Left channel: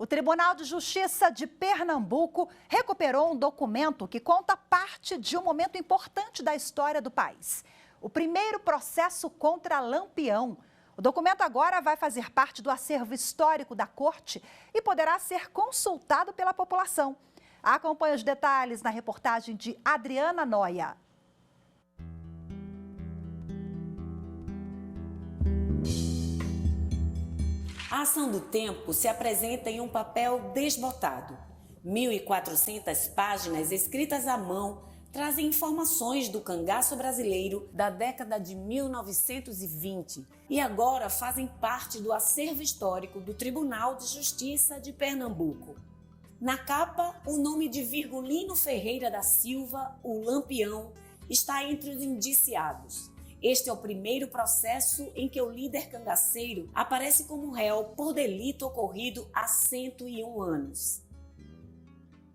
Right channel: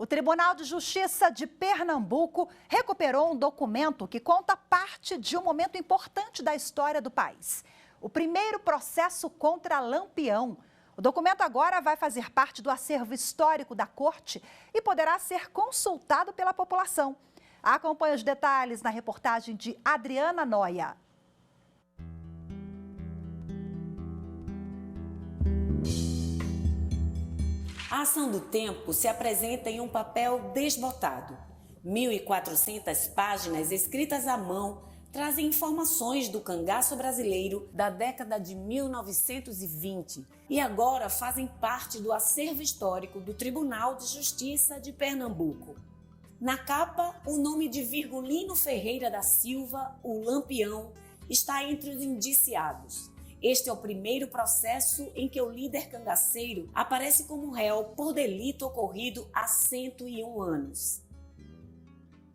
O Tribunal de Justiça de Pernambuco recuperou um documento que conta parte de um momento importante da história do país. O primeiro processo contra Lampião. O documento agora vai fazer parte do acervo histórico da Corte e poderá ser consultado pela população. Acompanhe os detalhes na reportagem de Adriana Noia. A ação do tempo se apresenta em um papel desbotado. 1.400 páginas escritas à mão trazem informações do cangaço brasileiro da década de 1920 e agora fazem parte do acervo histórico do Tribunal de Justiça de Pernambuco. Na capa, o nome de Virgulino Ferreira da Silva, o Lampião, está entre os indiciados. Este é o primeiro processo em que o líder cangaceiro aparece como réu por delito ocorrido há 101 anos.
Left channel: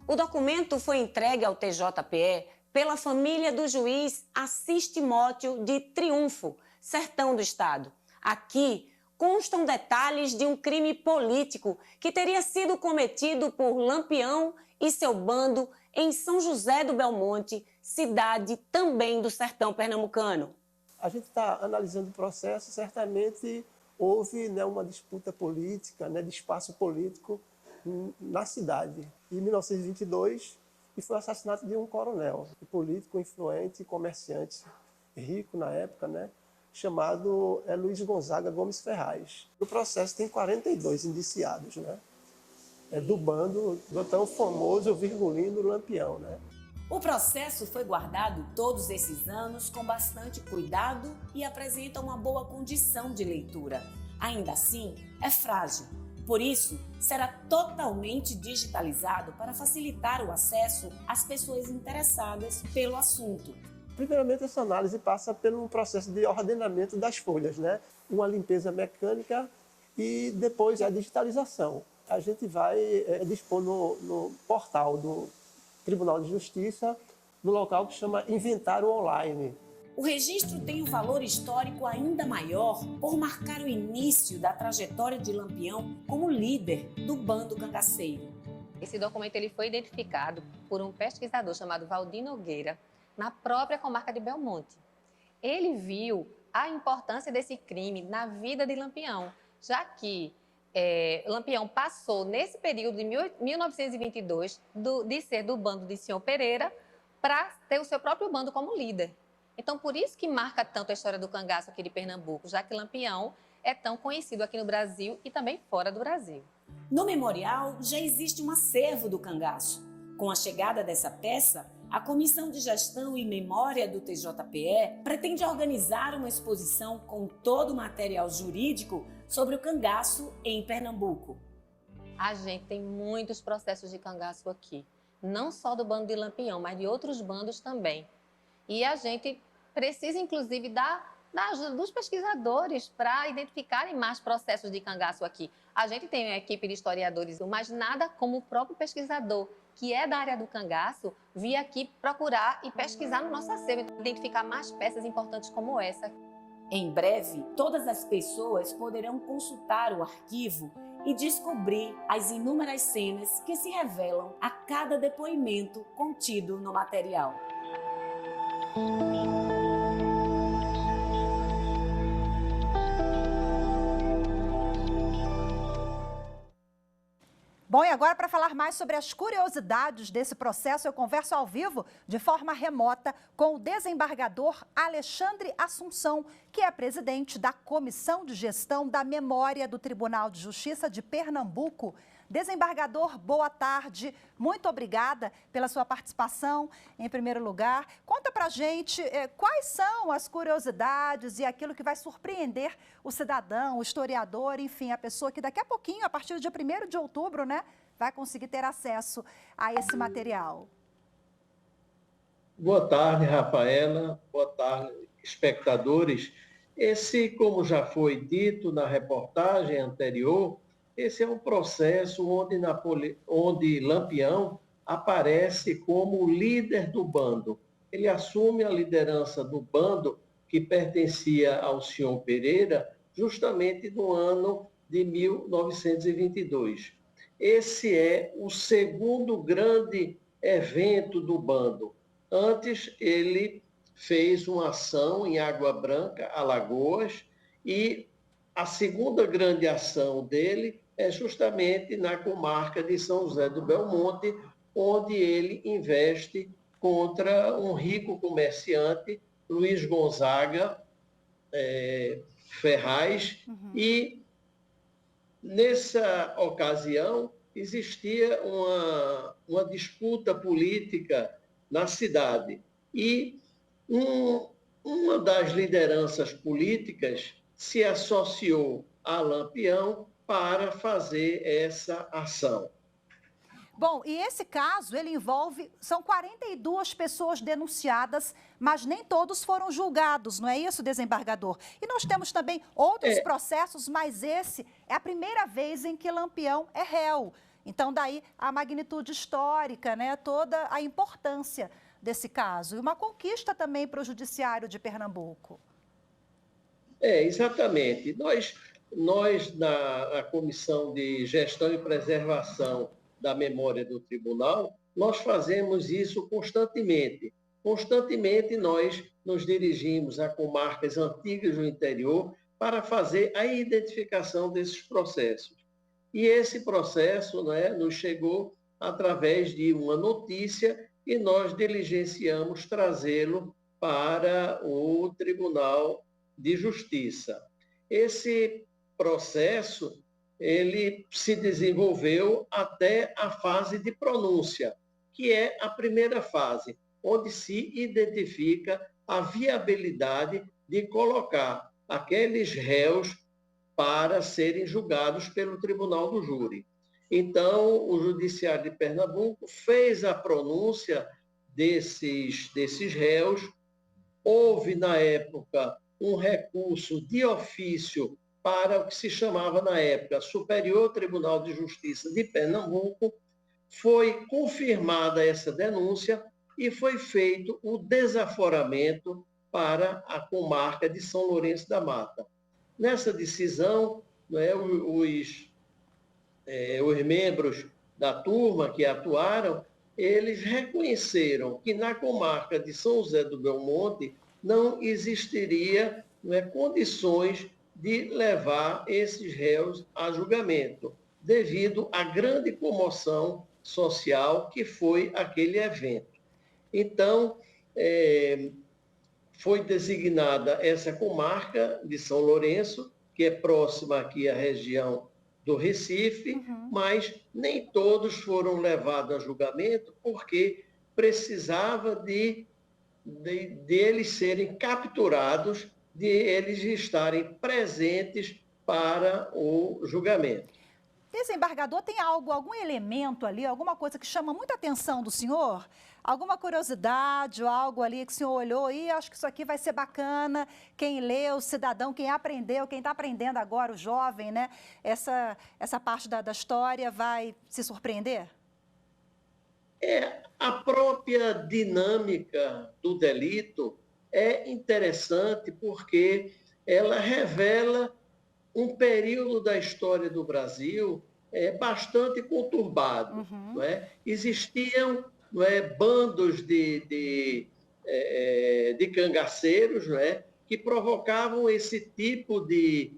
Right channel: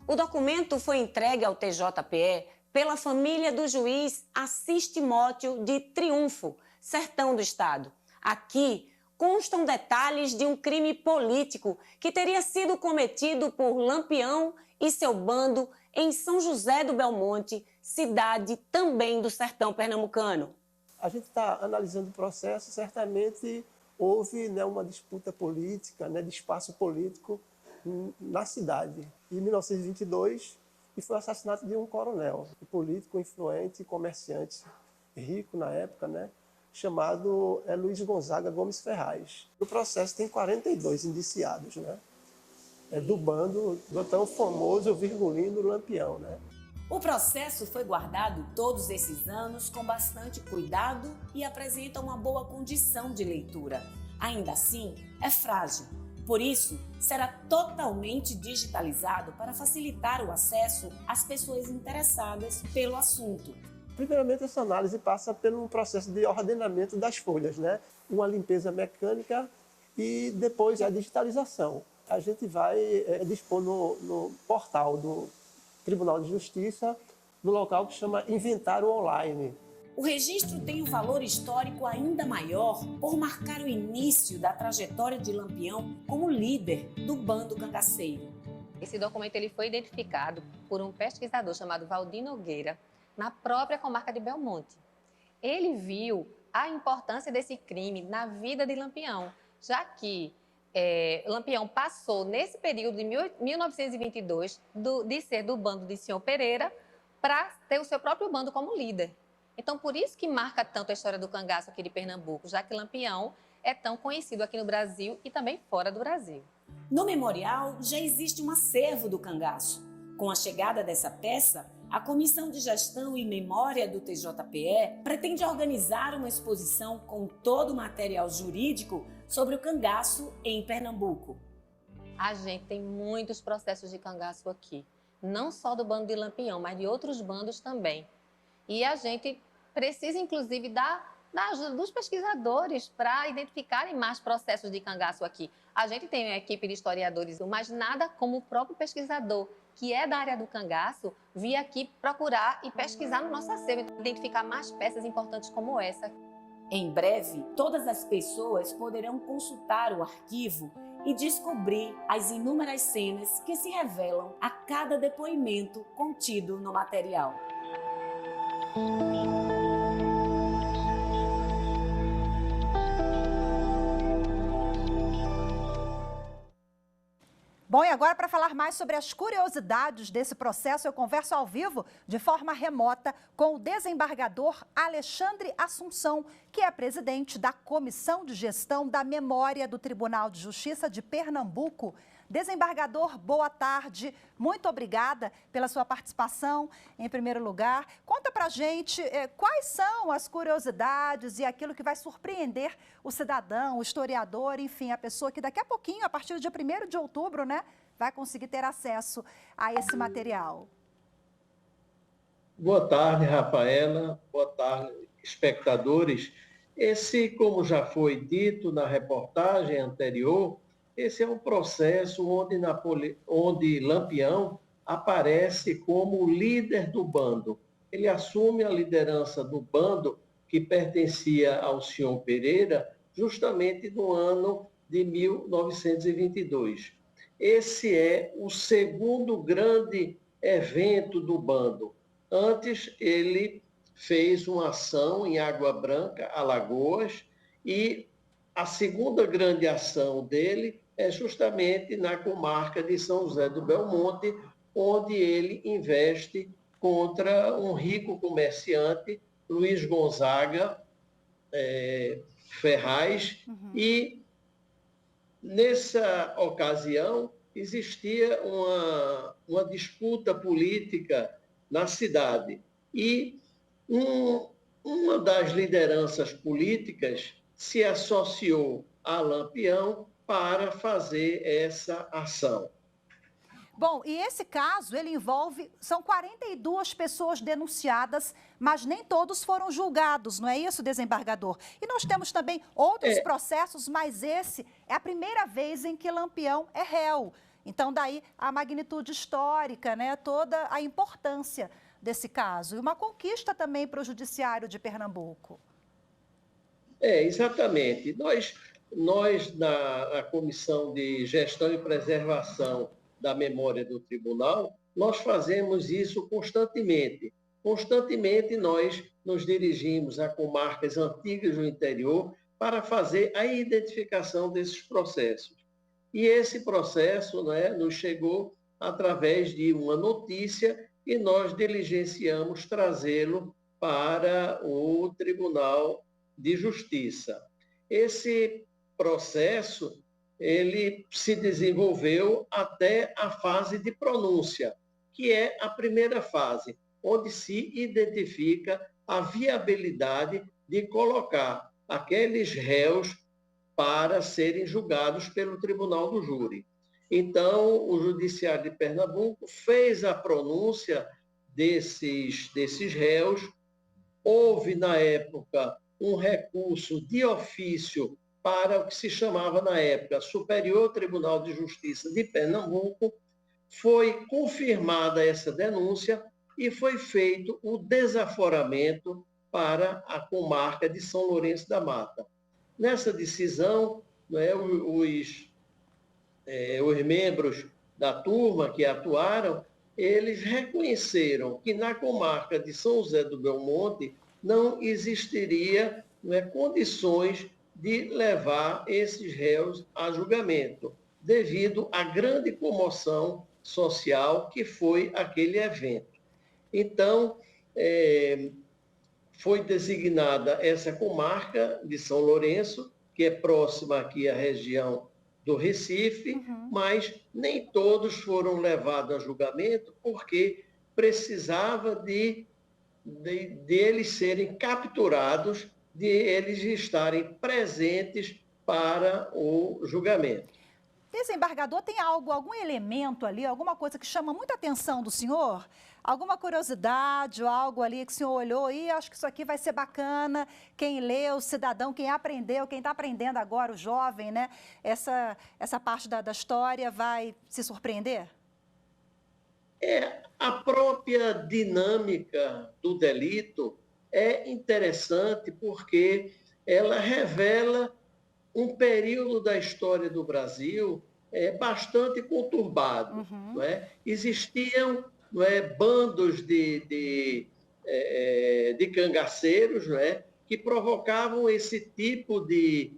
O documento foi entregue ao TJPE pela família do juiz Assis Timóteo de Triunfo, Sertão do Estado. Aqui constam detalhes de um crime político que teria sido cometido por Lampião e seu bando em São José do Belmonte, cidade também do sertão pernambucano. A gente está analisando o processo, certamente houve uma disputa política, de espaço político na cidade. Em 1922, e foi o assassinato de um coronel, um político influente, comerciante, rico na época, chamado Luiz Gonzaga Gomes Ferraz. O processo tem 42 indiciados, do bando do tão famoso Virgulino Lampião. O processo foi guardado todos esses anos com bastante cuidado e apresenta uma boa condição de leitura. Ainda assim, é frágil. Por isso, será totalmente digitalizado para facilitar o acesso às pessoas interessadas pelo assunto. Primeiramente, essa análise passa pelo processo de ordenamento das folhas, uma limpeza mecânica e depois a digitalização. A gente vai dispor no portal do Tribunal de Justiça, no local que chama Inventário Online. O registro tem um valor histórico ainda maior por marcar o início da trajetória de Lampião como líder do bando cangaceiro. Esse documento ele foi identificado por um pesquisador chamado Valdir Nogueira, na própria comarca de Belmonte. Ele viu a importância desse crime na vida de Lampião, já que Lampião passou, nesse período de 1922, de ser do bando de Senhor Pereira para ter o seu próprio bando como líder. Então, por isso que marca tanto a história do cangaço aqui de Pernambuco, já que Lampião é tão conhecido aqui no Brasil e também fora do Brasil. No memorial já existe um acervo do cangaço. Com a chegada dessa peça, a Comissão de Gestão e Memória do TJPE pretende organizar uma exposição com todo o material jurídico sobre o cangaço em Pernambuco. A gente tem muitos processos de cangaço aqui, não só do bando de Lampião, mas de outros bandos também. E a gente precisa, inclusive, da ajuda dos pesquisadores para identificarem mais processos de cangaço aqui. A gente tem uma equipe de historiadores, mas nada como o próprio pesquisador, que é da área do cangaço, vir aqui procurar e pesquisar no nosso acervo, identificar mais peças importantes como essa. Em breve, todas as pessoas poderão consultar o arquivo e descobrir as inúmeras cenas que se revelam a cada depoimento contido no material. Bom, e agora para falar mais sobre as curiosidades desse processo, eu converso ao vivo, de forma remota, com o desembargador Alexandre Assunção, que é presidente da Comissão de Gestão da Memória do Tribunal de Justiça de Pernambuco. Desembargador, boa tarde. Muito obrigada pela sua participação, em primeiro lugar. Conta pra gente quais são as curiosidades e aquilo que vai surpreender o cidadão, o historiador, enfim, a pessoa que daqui a pouquinho, a partir do dia 1º de outubro, vai conseguir ter acesso a esse material. Boa tarde, Rafaela. Boa tarde, espectadores. Esse, como já foi dito na reportagem anterior, esse é um processo onde Lampião aparece como líder do bando. Ele assume a liderança do bando que pertencia ao senhor Pereira justamente no ano de 1922. esse é o segundo grande evento do bando. Antes, ele fez uma ação em Água Branca, Alagoas, e a segunda grande ação dele é justamente na comarca de São José do Belmonte, onde ele investe contra um rico comerciante, Luiz Gonzaga Ferraz, e nessa ocasião existia uma disputa política na cidade e uma das lideranças políticas se associou a Lampião para fazer essa ação. Bom, e esse caso, ele envolve, são 42 pessoas denunciadas, mas nem todos foram julgados, não é isso, desembargador? E nós temos também outros processos, mas esse é a primeira vez em que Lampião é réu. Então, daí a magnitude histórica, né, toda a importância desse caso. E uma conquista também para o Judiciário de Pernambuco. Exatamente. Nós na Comissão de Gestão e Preservação da Memória do Tribunal, nós fazemos isso constantemente. Constantemente nós nos dirigimos a comarcas antigas do interior para fazer a identificação desses processos. E esse processo, né, nos chegou através de uma notícia e nós diligenciamos trazê-lo para o Tribunal de Justiça. Esse processo ele se desenvolveu até a fase de pronúncia, que é a primeira fase, onde se identifica a viabilidade de colocar aqueles réus para serem julgados pelo Tribunal do Júri. Então, o Judiciário de Pernambuco fez a pronúncia desses réus. Houve, na época, um recurso de ofício para o que se chamava, na época, Superior Tribunal de Justiça de Pernambuco. Foi confirmada essa denúncia e foi feito o desaforamento para a comarca de São Lourenço da Mata. Nessa decisão, né, os membros da turma que atuaram, eles reconheceram que na comarca de São José do Belmonte não existiria, né, condições de levar esses réus a julgamento, devido à grande comoção social que foi aquele evento. Então, foi designada essa comarca de São Lourenço, que é próxima aqui à região do Recife, mas nem todos foram levados a julgamento, porque precisava de eles serem capturados, de eles estarem presentes para o julgamento. Desembargador, tem algum elemento ali, alguma coisa que chama muita atenção do senhor? Alguma curiosidade ou algo ali que o senhor olhou e acho que isso aqui vai ser bacana, quem lê, o cidadão, quem aprendeu, quem está aprendendo agora, o jovem, né? Essa parte da história vai se surpreender? A própria dinâmica do delito é interessante porque ela revela um período da história do Brasil bastante conturbado. Não é? Existiam, não é, bandos de cangaceiros, não é, que provocavam esse tipo de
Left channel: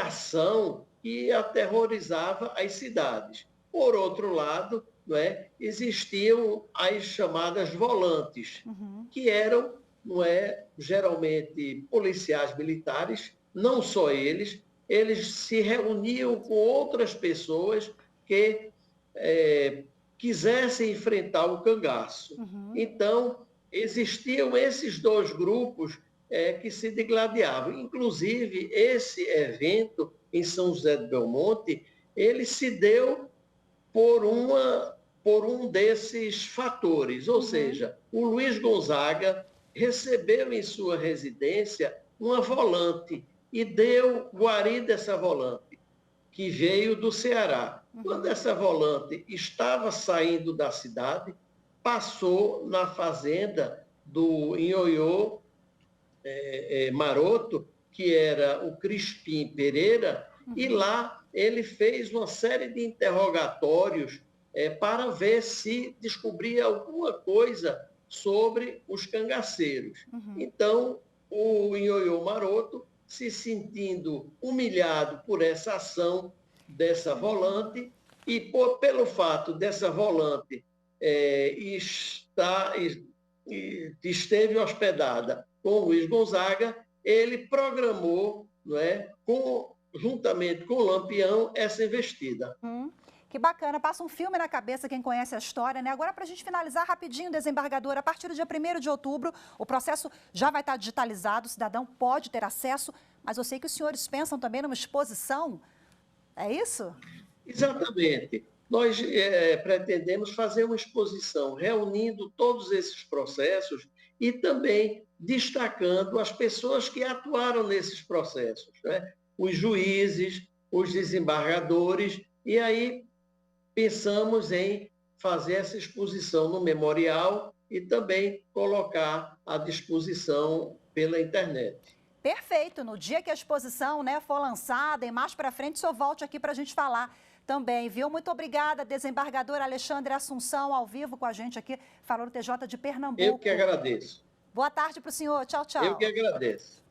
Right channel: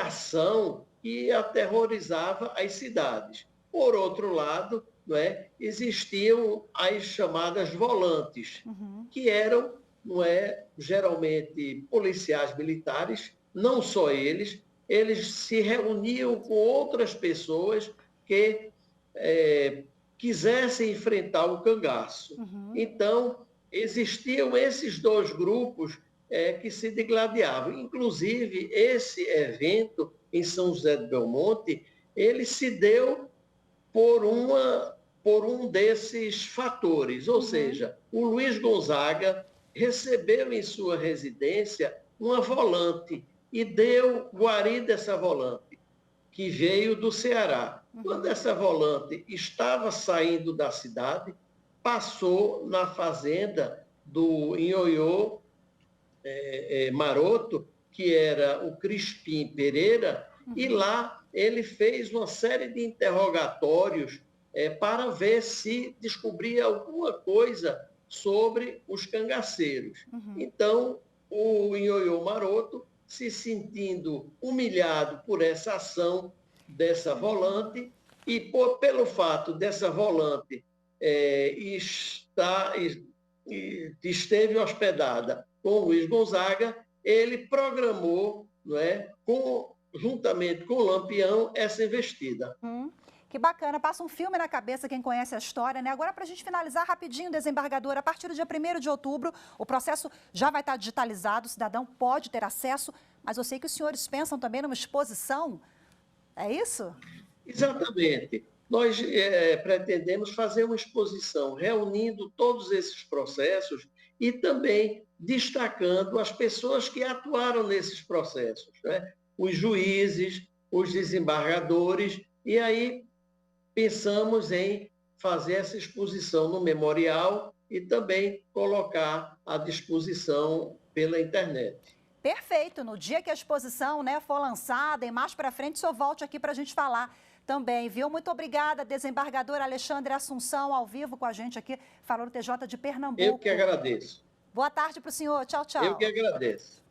ação que aterrorizava as cidades. Por outro lado, não é, existiam as chamadas volantes, que eram, não é, geralmente policiais militares. Não só eles se reuniam com outras pessoas que quisessem enfrentar o cangaço. Então, existiam esses dois grupos que se degladiavam. Inclusive, esse evento em São José do Belmonte, ele se deu por um desses fatores, ou seja, o Luiz Gonzaga recebeu em sua residência uma volante e deu guarida a essa volante, que veio do Ceará. Quando essa volante estava saindo da cidade, passou na fazenda do Ioiô Maroto, que era o Crispim Pereira, e lá ele fez uma série de interrogatórios para ver se descobria alguma coisa sobre os cangaceiros. Então, o Ioiô Maroto, se sentindo humilhado por essa ação dessa volante e pelo fato dessa volante esteve hospedada com o Luiz Gonzaga, ele programou, não é, juntamente com o Lampião, essa investida. Que bacana, passa um filme na cabeça quem conhece a história, né? Agora, para a gente finalizar rapidinho, desembargador, a partir do dia 1º de outubro, o processo já vai estar digitalizado, o cidadão pode ter acesso, mas eu sei que os senhores pensam também numa exposição, é isso? Exatamente. Nós pretendemos fazer uma exposição reunindo todos esses processos e também destacando as pessoas que atuaram nesses processos, né? Os juízes, os desembargadores, e aí pensamos em fazer essa exposição no memorial e também colocar à disposição pela internet. Perfeito. No dia que a exposição, né, for lançada, e mais para frente, o senhor volte aqui para a gente falar também, viu? Muito obrigada, desembargador Alexandre Assunção, ao vivo com a gente aqui, falando TJ de Pernambuco. Eu que agradeço. Boa tarde para o senhor. Tchau, tchau. Eu que agradeço.